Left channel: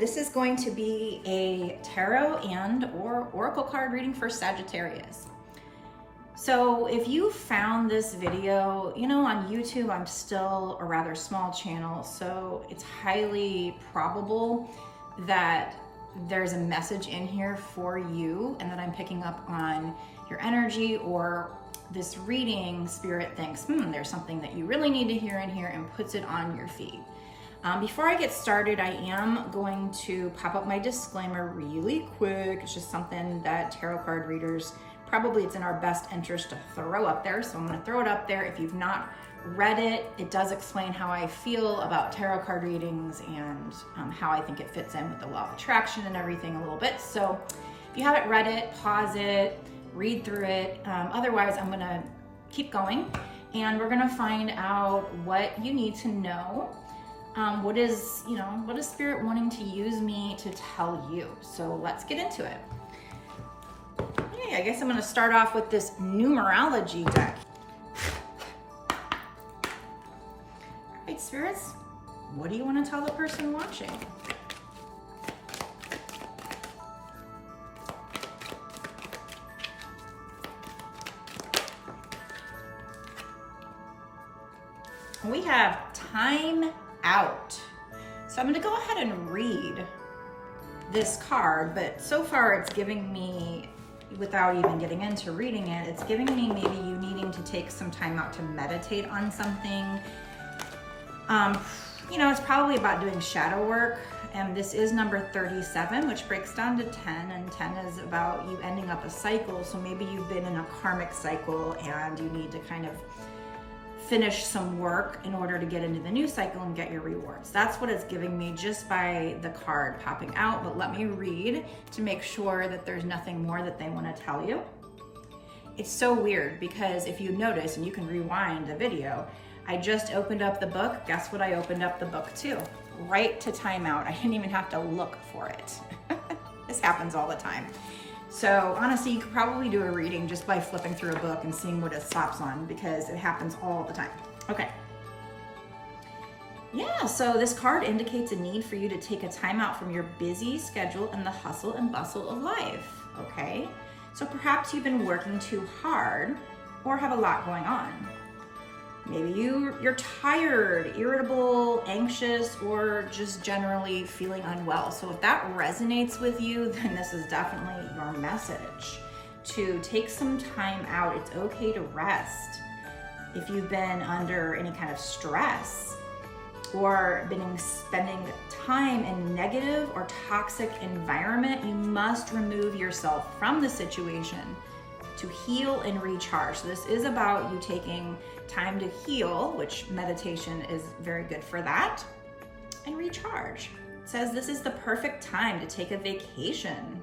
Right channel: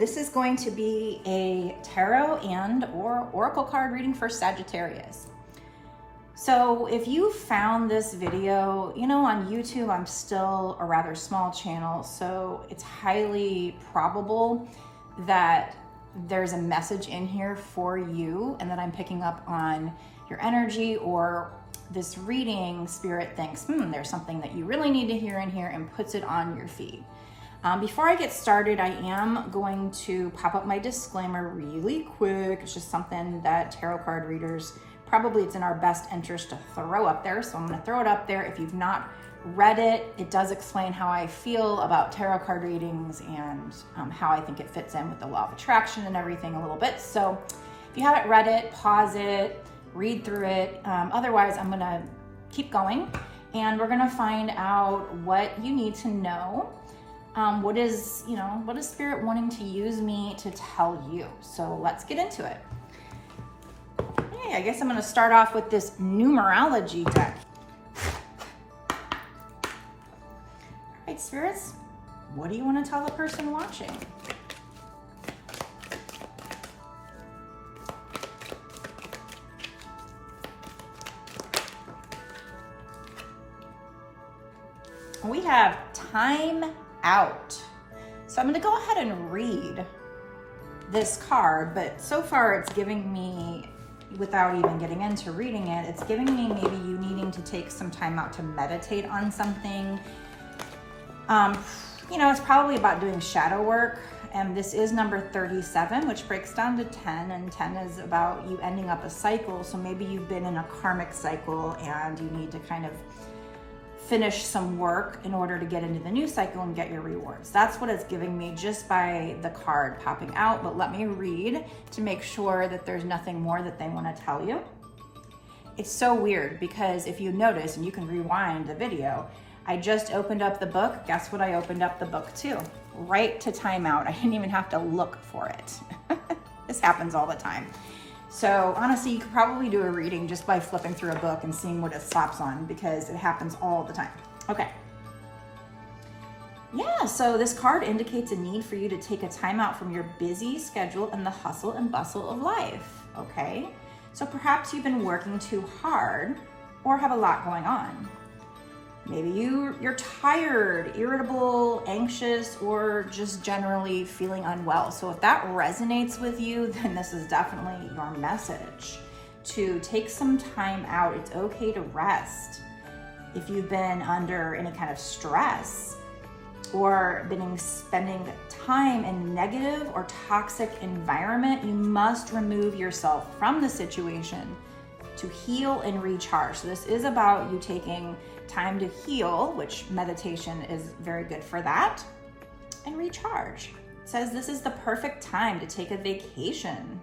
this is going to be a tarot and or oracle card reading for Sagittarius. So if you found this video, you know, on YouTube, I'm still a rather small channel, so it's highly probable that there's a message in here for you and that I'm picking up on your energy, or this reading spirit thinks, there's something that you really need to hear in here, and puts it on your feed. Before I get started, I am going to pop up my disclaimer really quick. It's just something that tarot card readers, probably it's in our best interest to throw up there. So I'm gonna throw it up there. If you've not read it, it does explain how I feel about tarot card readings and how I think it fits in with the law of attraction and everything a little bit. So if you haven't read it, pause it, read through it. Otherwise, I'm gonna keep going and we're gonna find out what you need to know. What is Spirit wanting to use me to tell you? So let's get into it. Okay, I guess I'm gonna start off with this numerology deck. All right, spirits, what do you want to tell the person watching? We have time out. So I'm going to go ahead and read this card, but so far it's giving me, without even getting into reading it, it's giving me maybe you needing to take some time out to meditate on something. It's probably about doing shadow work, and this is number 37, which breaks down to 10, and 10 is about you ending up a cycle. So maybe you've been in a karmic cycle and you need to kind of finish some work in order to get into the new cycle and get your rewards. That's what it's giving me just by the card popping out, but let me read to make sure that there's nothing more that they want to tell you. It's so weird because if you notice, and you can rewind the video, I just opened up the book. Guess what I opened up the book to? Right to timeout. I didn't even have to look for it. This happens all the time. So honestly, you could probably do a reading just by flipping through a book and seeing what it stops on, because it happens all the time. Okay. Yeah, so this card indicates a need for you to take a time out from your busy schedule and the hustle and bustle of life, okay? So perhaps you've been working too hard or have a lot going on. Maybe you're tired, irritable, anxious, or just generally feeling unwell. So if that resonates with you, then this is definitely your message to take some time out. It's okay to rest. If you've been under any kind of stress or been spending time in negative or toxic environment, you must remove yourself from the situation to heal and recharge. So this is about you taking time to heal, which meditation is very good for that, and recharge. It says this is the perfect time to take a vacation.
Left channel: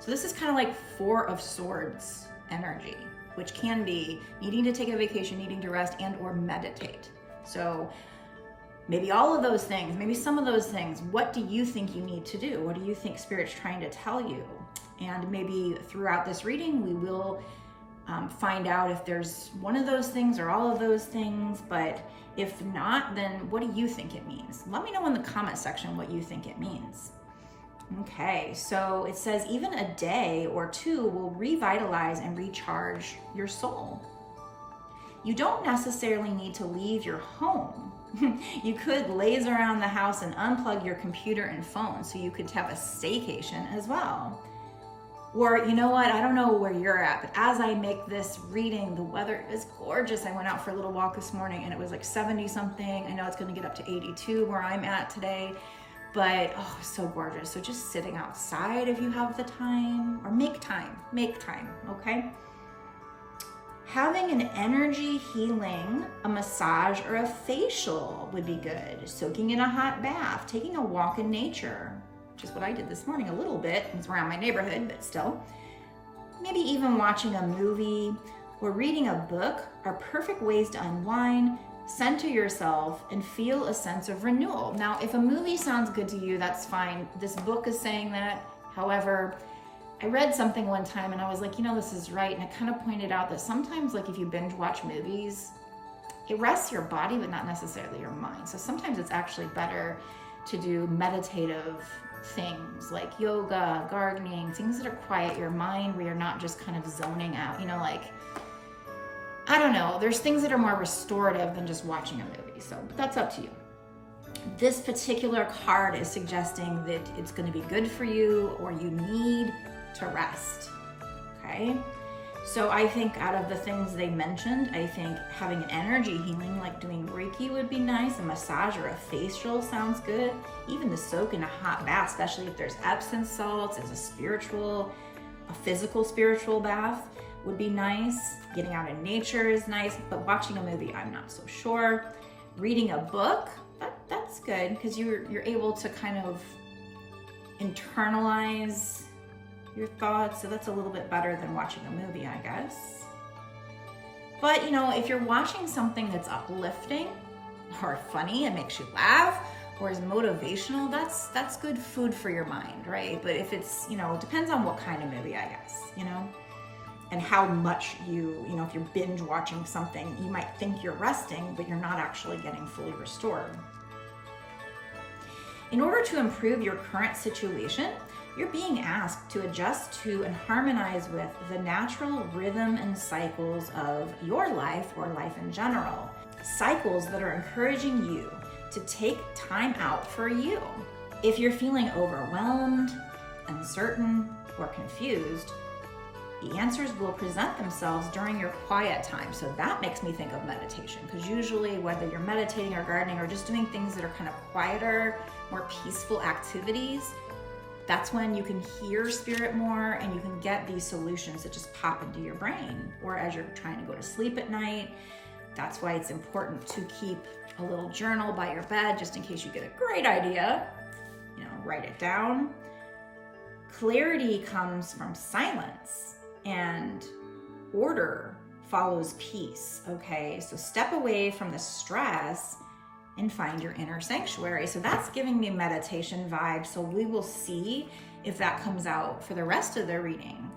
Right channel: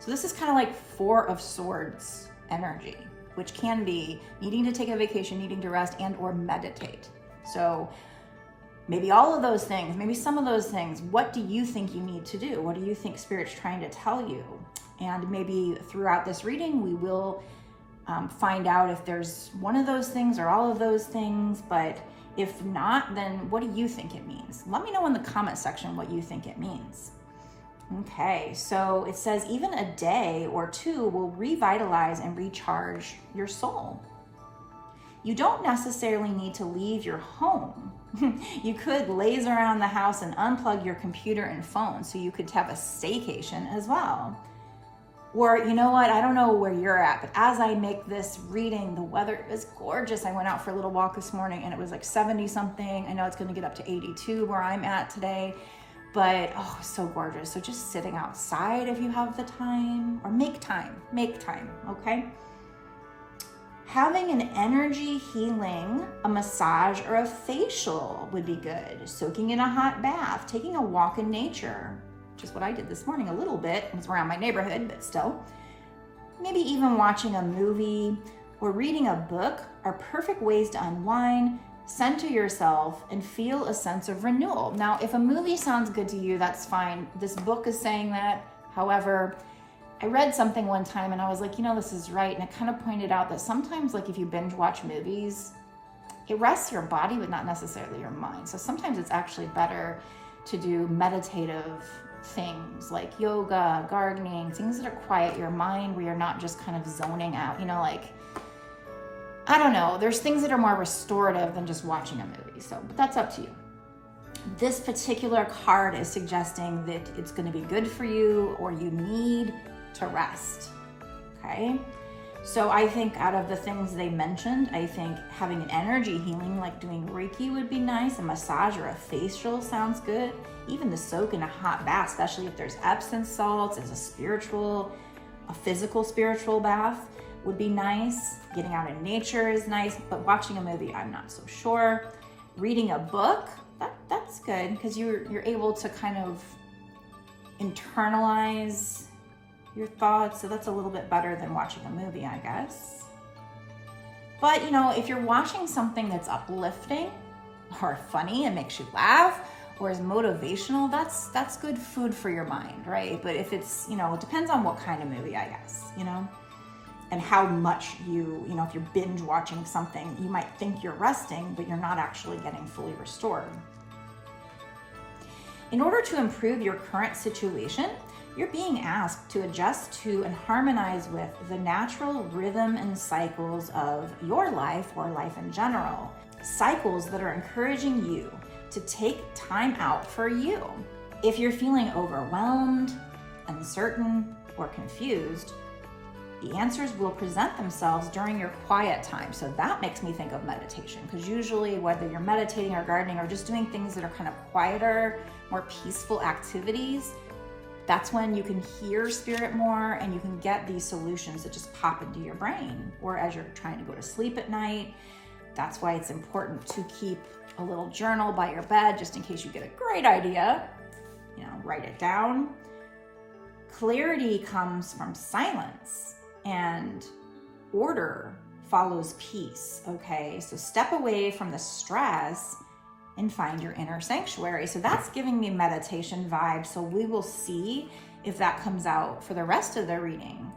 So this is kind of like Four of Swords energy, which can be needing to take a vacation, needing to rest, and or meditate. So maybe all of those things, maybe some of those things. What do you think you need to do? What do you think Spirit's trying to tell you? And maybe throughout this reading, we will find out if there's one of those things or all of those things. But if not, then what do you think it means? Let me know in the comment section what you think it means. Okay, so it says even a day or two will revitalize and recharge your soul. You don't necessarily need to leave your home. You could laze around the house and unplug your computer and phone, so you could have a staycation as well. Or you know what, I don't know where you're at, but as I make this reading, the weather is gorgeous. I went out for a little walk this morning and it was like 70 something. I know it's gonna get up to 82 where I'm at today, but oh, so gorgeous. So just sitting outside if you have the time, or make time, okay? Having an energy healing, a massage or a facial would be good. Soaking in a hot bath, taking a walk in nature, which is what I did this morning a little bit. It's around my neighborhood, but still. Maybe even watching a movie or reading a book are perfect ways to unwind, center yourself, and feel a sense of renewal. Now, if a movie sounds good to you, that's fine. This book is saying that. However, I read something one time and I was like, this is right. And it kind of pointed out that sometimes, like if you binge watch movies, it rests your body, but not necessarily your mind. So sometimes it's actually better to do meditative things like yoga, gardening, things that are quiet your mind where you're not just kind of zoning out, you know, like, I don't know, there's things that are more restorative than just watching a movie. So, but that's up to you. This particular card is suggesting that it's going to be good for you, or you need to rest. Okay. So I think out of the things they mentioned, I think having an energy healing, like doing Reiki, would be nice. A massage or a facial sounds good. Even the soak in a hot bath, especially if there's Epsom salts, as a physical spiritual bath would be nice. Getting out in nature is nice, but watching a movie, I'm not so sure. Reading a book, that's good, because you're able to kind of internalize your thoughts, so that's a little bit better than watching a movie, I guess. But, you know, if you're watching something that's uplifting or funny and makes you laugh, or is motivational, that's good food for your mind, right? But if it's, you know, it depends on what kind of movie, I guess, you know, and how much you know, if you're binge watching something, you might think you're resting, but you're not actually getting fully restored. In order to improve your current situation, you're being asked to adjust to and harmonize with the natural rhythm and cycles of your life, or life in general. Cycles that are encouraging you to take time out for you. If you're feeling overwhelmed, uncertain, or confused, the answers will present themselves during your quiet time. So that makes me think of meditation, because usually whether you're meditating or gardening or just doing things that are kind of quieter, more peaceful activities, that's when you can hear spirit more and you can get these solutions that just pop into your brain. Or as you're trying to go to sleep at night, that's why it's important to keep a little journal by your bed, just in case you get a great idea, you know, write it down. Clarity comes from silence, and order follows peace, okay? So step away from the stress and find your inner sanctuary. So that's giving me meditation vibes. So we will see if that comes out for the rest of the reading.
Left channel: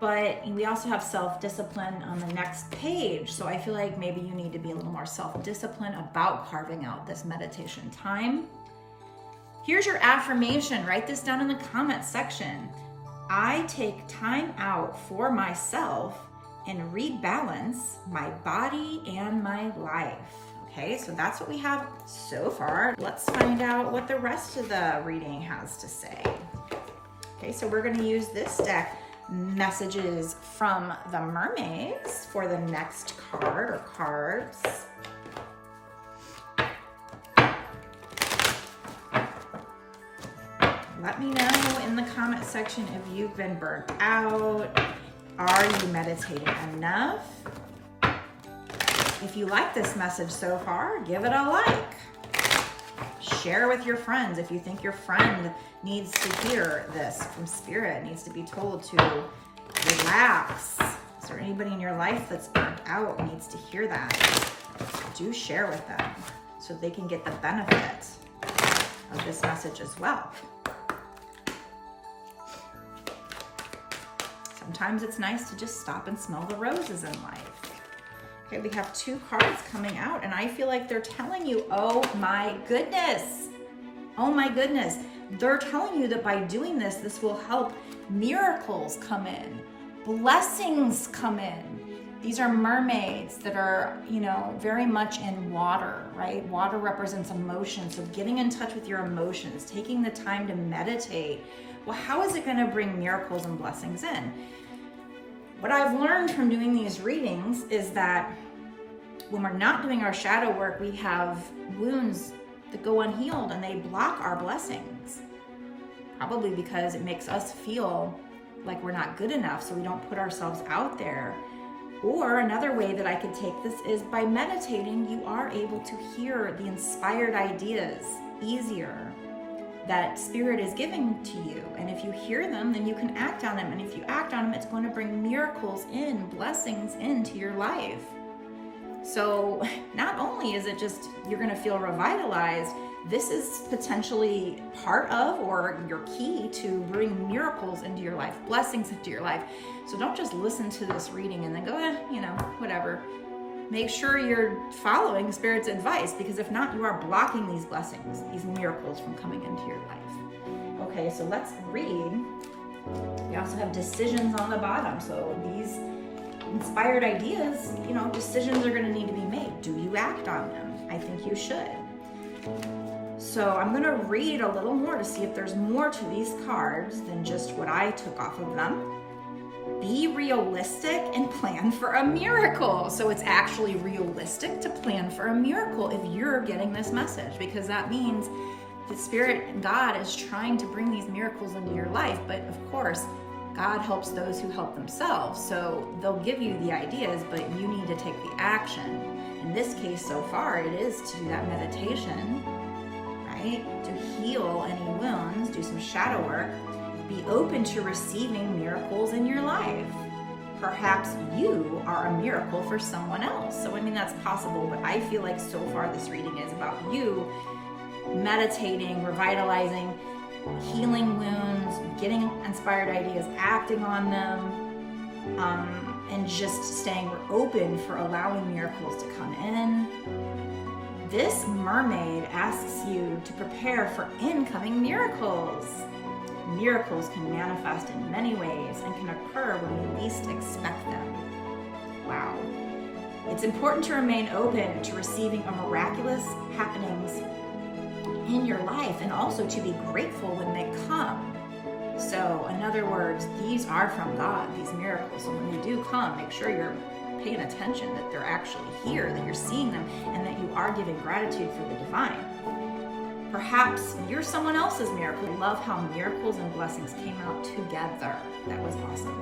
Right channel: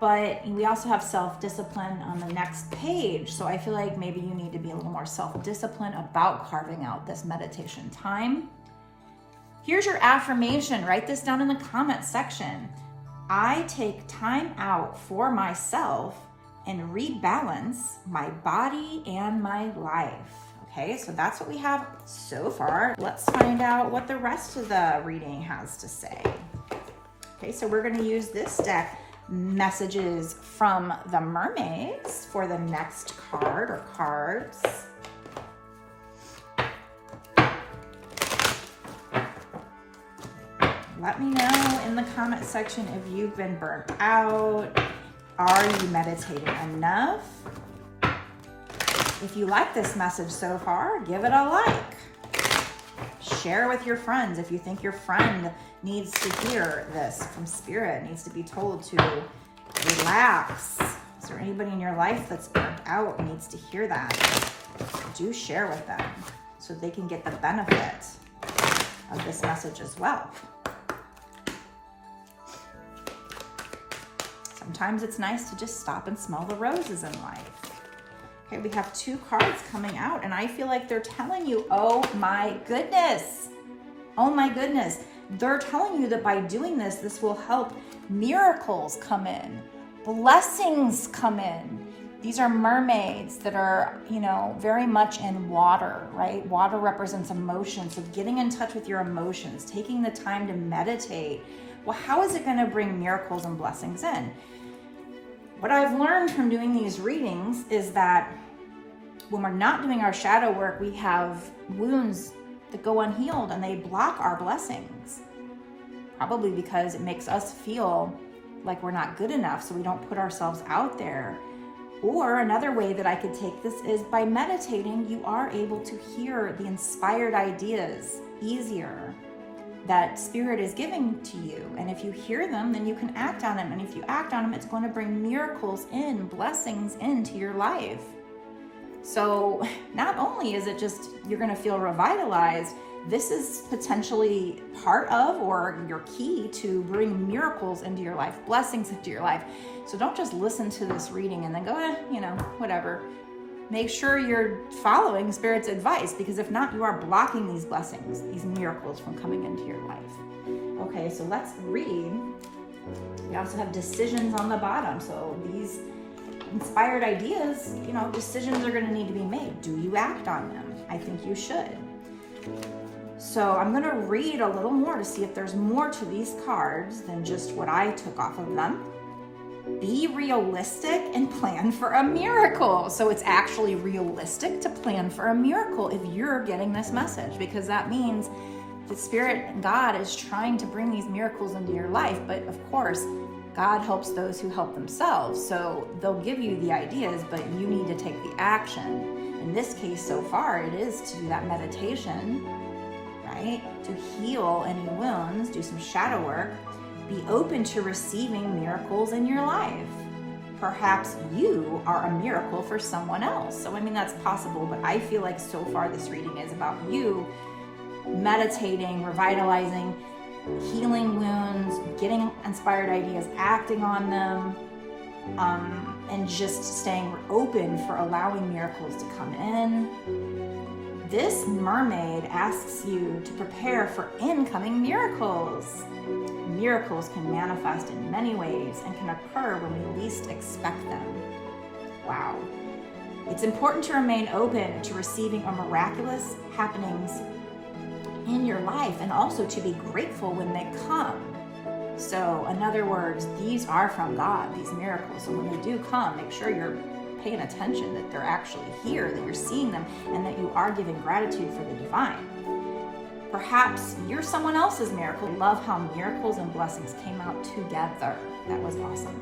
But we also have self-discipline on the next page. So I feel like maybe you need to be a little more self-disciplined about carving out this meditation time. Here's your affirmation. Write this down in the comment section. I take time out for myself and rebalance my body and my life. Okay, so that's what we have so far. Let's find out what the rest of the reading has to say. Okay, so we're going to use this deck, Messages from the Mermaids, for the next card or cards. Let me know in the comment section if you've been burnt out. Are you meditating enough? If you like this message so far, give it a like. Share with your friends if you think your friend needs to hear this from spirit, needs to be told to relax. Is there anybody in your life that's burnt out and needs to hear that? Do share with them so they can get the benefit of this message as well. Sometimes it's nice to just stop and smell the roses in life. Okay, we have two cards coming out, and I feel like they're telling you, oh my goodness. Oh my goodness. They're telling you that by doing this, this will help miracles come in, blessings come in. These are mermaids that are, you know, very much in water, right? Water represents emotion. So getting in touch with your emotions, taking the time to meditate. Well, how is it going to bring miracles and blessings in? What I've learned from doing these readings is that when we're not doing our shadow work, we have wounds that go unhealed and they block our blessings. Probably because it makes us feel like we're not good enough, so we don't put ourselves out there. Or another way that I could take this is by meditating, you are able to hear the inspired ideas easier that spirit is giving to you. And if you hear them, then you can act on them. And if you act on them, it's going to bring miracles in, blessings into your life. So not only is it just, you're going to feel revitalized, this is potentially part of or your key to bring miracles into your life, blessings into your life. So don't just listen to this reading and then go, you know, whatever. Make sure you're following Spirit's advice, because if not, you are blocking these blessings, these miracles from coming into your life. Okay, so let's read. We also have decisions on the bottom. So these inspired ideas, decisions are going to need to be made. Do you act on them? I think you should. So I'm going to read a little more to see if there's more to these cards than just what I took off of them. Be realistic and plan for a miracle. So it's actually realistic to plan for a miracle if you're getting this message, because that means the Spirit and God is trying to bring these miracles into your life. But of course, God helps those who help themselves. So they'll give you the ideas, but you need to take the action. In this case, so far, it is to do that meditation, right? To heal any wounds, do some shadow work, be open to receiving miracles in your life. Perhaps you are a miracle for someone else. So, that's possible, but I feel like so far this reading is about you meditating, revitalizing, healing wounds, getting inspired ideas, acting on them, and just staying open for allowing miracles to come in. This mermaid asks you to prepare for incoming miracles. Miracles can manifest in many ways and can occur when we least expect them. Wow. It's important to remain open to receiving a miraculous happenings in your life, and also to be grateful when they come. So in other words, these are from God, these miracles. So when they do come, make sure you're paying attention that they're actually here, that you're seeing them, and that you are giving gratitude for the divine. Perhaps you're someone else's miracle. I love how miracles and blessings came out together. That was awesome.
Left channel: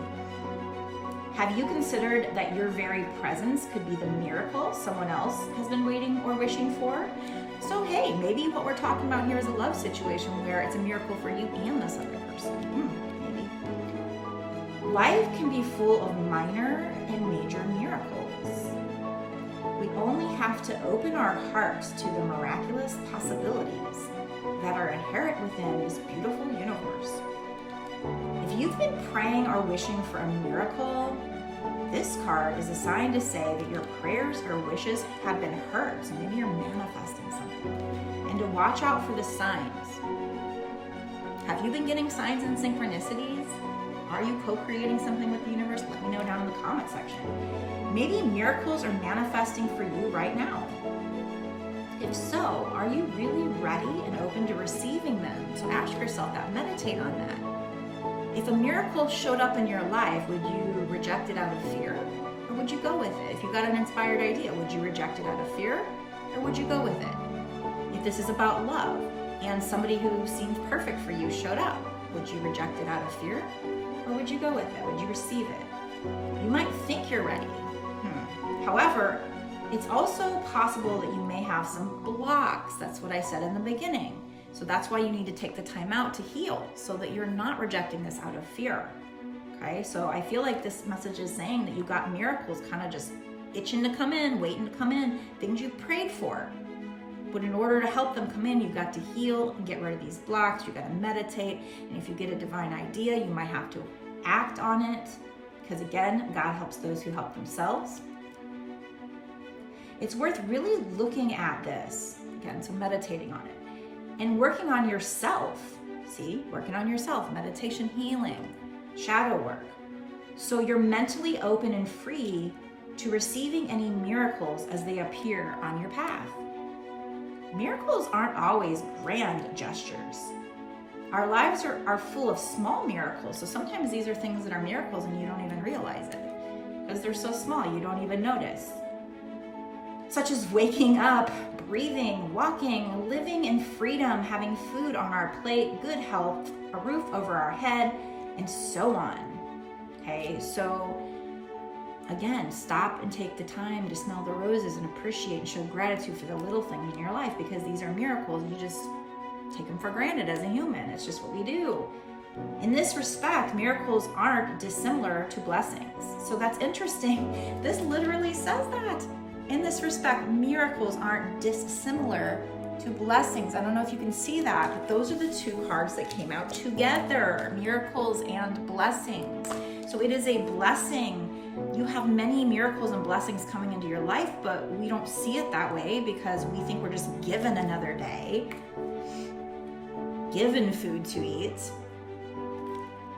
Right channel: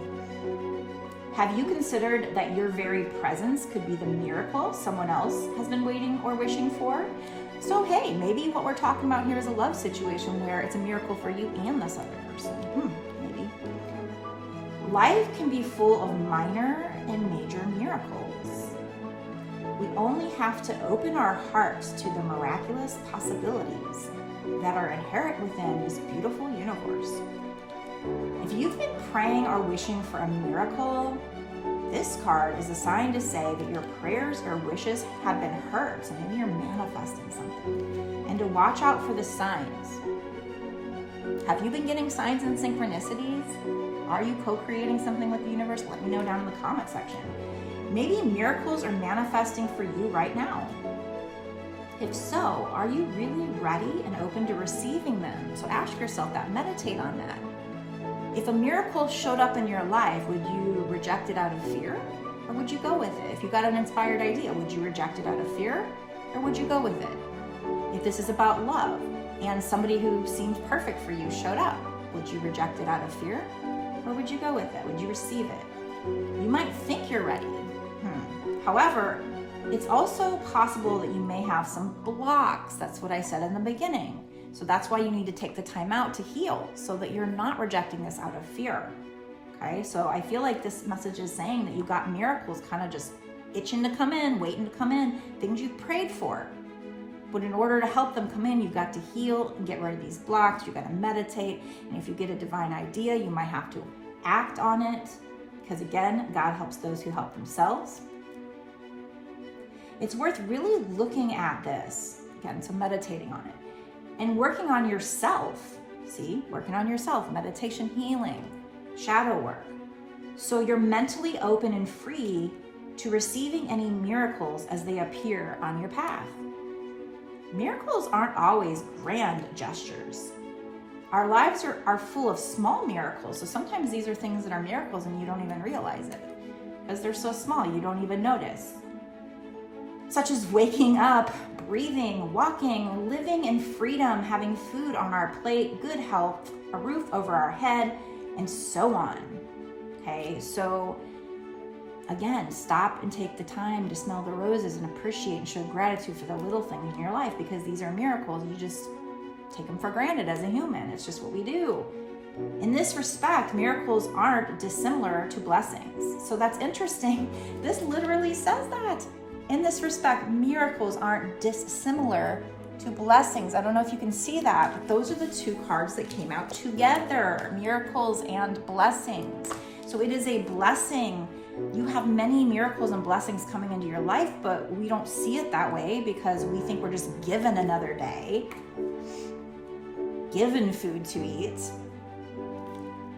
Have you considered that your very presence could be the miracle someone else has been waiting or wishing for? So hey, maybe what we're talking about here is a love situation where it's a miracle for you and this other person. Maybe. Life can be full of minor and major miracles. We only have to open our hearts to the miraculous possibilities that are inherent within this beautiful universe. If you've been praying or wishing for a miracle, this card is a sign to say that your prayers or wishes have been heard. So maybe you're manifesting something. And to watch out for the signs. Have you been getting signs and synchronicities? Are you co-creating something with the universe? Let me know down in the comment section. Maybe miracles are manifesting for you right now. If so, are you really ready and open to receiving them? So ask yourself that, meditate on that. If a miracle showed up in your life, would you reject it out of fear, or would you go with it? If you got an inspired idea, would you reject it out of fear, or would you go with it? If this is about love, and somebody who seemed perfect for you showed up, would you reject it out of fear, or would you go with it? Would you receive it? You might think you're ready. However, it's also possible that you may have some blocks. That's what I said in the beginning. So that's why you need to take the time out to heal, so that you're not rejecting this out of fear. Okay, so I feel like this message is saying that you got miracles kind of just itching to come in, waiting to come in, things you prayed for. But in order to help them come in, you've got to heal and get rid of these blocks. You've got to meditate. And if you get a divine idea, you might have to act on it. Because again, God helps those who help themselves. It's worth really looking at this. Again, so meditating on it. And working on yourself. See, working on yourself, meditation, healing, shadow work. So you're mentally open and free to receiving any miracles as they appear on your path. Miracles aren't always grand gestures. Our lives are full of small miracles. So sometimes these are things that are miracles and you don't even realize it because they're so small, you don't even notice. Such as waking up, breathing, walking, living in freedom, having food on our plate, good health, a roof over our head, and so on. Okay, so again, stop and take the time to smell the roses and appreciate and show gratitude for the little things in your life, because these are miracles. You just take them for granted as a human. It's just what we do. In this respect, miracles aren't dissimilar to blessings. So that's interesting. This literally says that. In this respect, miracles aren't dissimilar to blessings. I don't know if you can see that, but those are the two cards that came out together, miracles and blessings. So it is a blessing. You have many miracles and blessings coming into your life, but we don't see it that way because we think we're just given another day. given food to eat,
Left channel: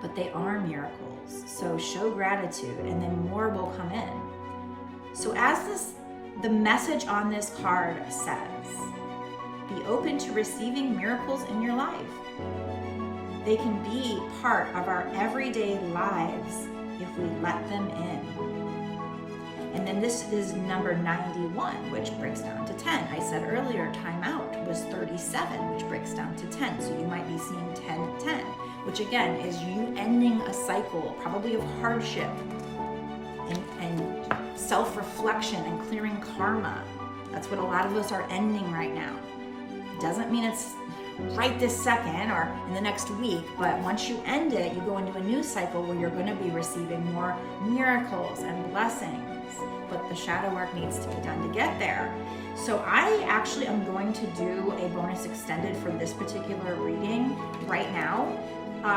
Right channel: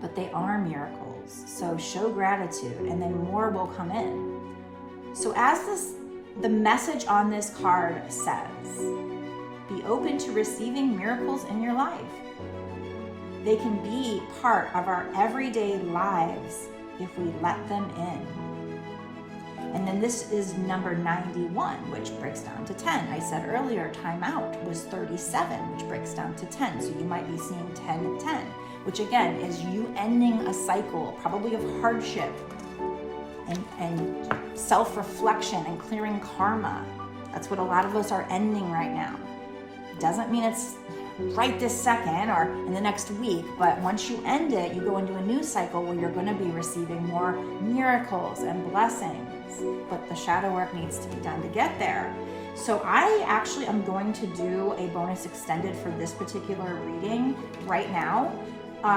but they are miracles. So show gratitude and then more will come in. So the message on this card says, be open to receiving miracles in your life. They can be part of our everyday lives if we let them in. And then this is number 91, which breaks down to 10. I said earlier, time out was 37, which breaks down to 10. So you might be seeing 10, 10, which again is you ending a cycle, probably of hardship and self-reflection and clearing karma. That's what a lot of us are ending right now. Doesn't mean it's right this second or in the next week, but once you end it, you go into a new cycle where you're going to be receiving more miracles and blessings. But the shadow work needs to be done to get there. So I actually am going to do a bonus extended for this particular reading right now.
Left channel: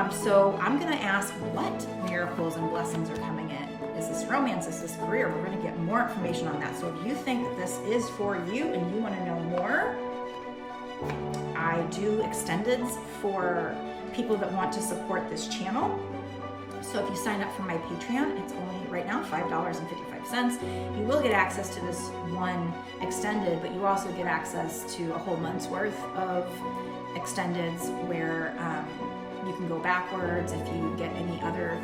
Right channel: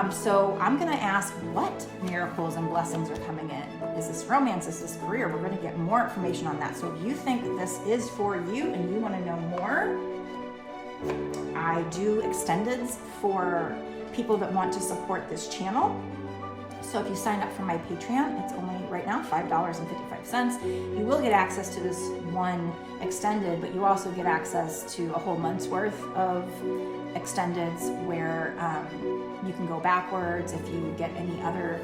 So I'm going to ask what miracles and blessings are coming in. Is this romance? Is this career? We're going to get more information on that. So if you think that this is for you and you want to know more, I do extendeds for people that want to support this channel. So if you sign up for my Patreon, it's only right now $5.55. You will get access to this one extended, but you also get access to a whole month's worth of extendeds where you can go backwards. If you get any other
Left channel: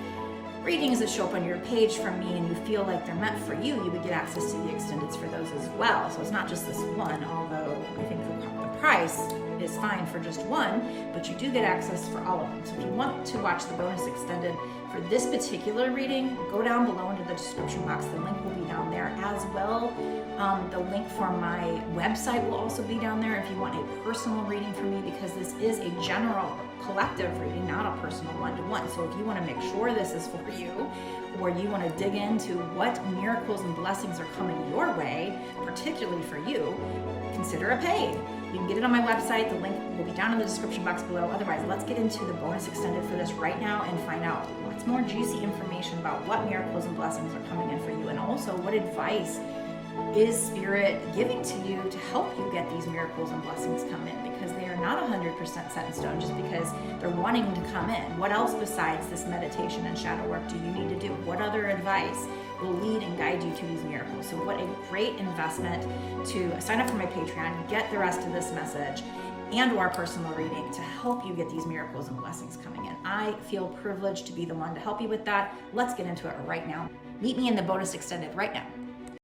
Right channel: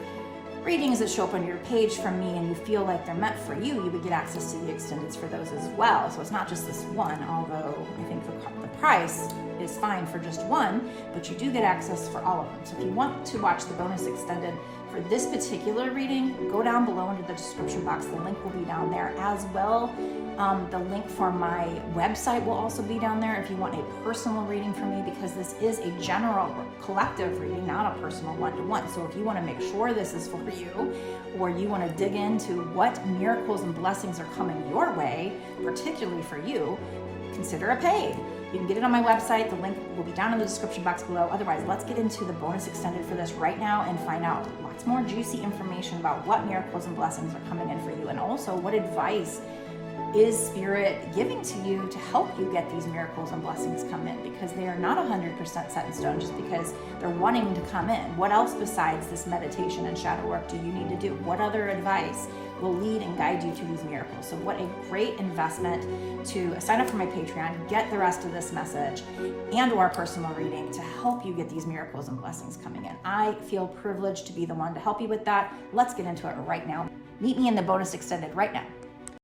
readings that show up on your page from me and you feel like they're meant for you, you would get access to the extendeds for those as well. So it's not just this one, although I think the price is fine for just one, but you do get access for all of them. So if you want to watch the bonus extended for this particular reading, go down below into the description box. The link will be down there as well. The link for my website will also be down there if you want a personal reading from me, because this is a general collective reading, not a personal one-to-one. So if you want to make sure this is for you, or you want to dig into what miracles and blessings are coming your way, particularly for you, consider a paid. You can get it on my website. The link will be down in the description box below. Otherwise, let's get into the bonus extended for this right now and find out lots more juicy information about what miracles and blessings are coming in for you, and also what advice is Spirit giving to you to help you get these miracles and blessings come in, because they are not 100% set in stone just because they're wanting to come in. What else besides this meditation and shadow work do you need to do? What other advice will lead and guide you to these miracles? So what a great investment to sign up for my Patreon, get the rest of this message and or personal reading to help you get these miracles and blessings coming in. I feel privileged to be the one to help you with that. Let's get into it right now. Meet me in the bonus extended right now.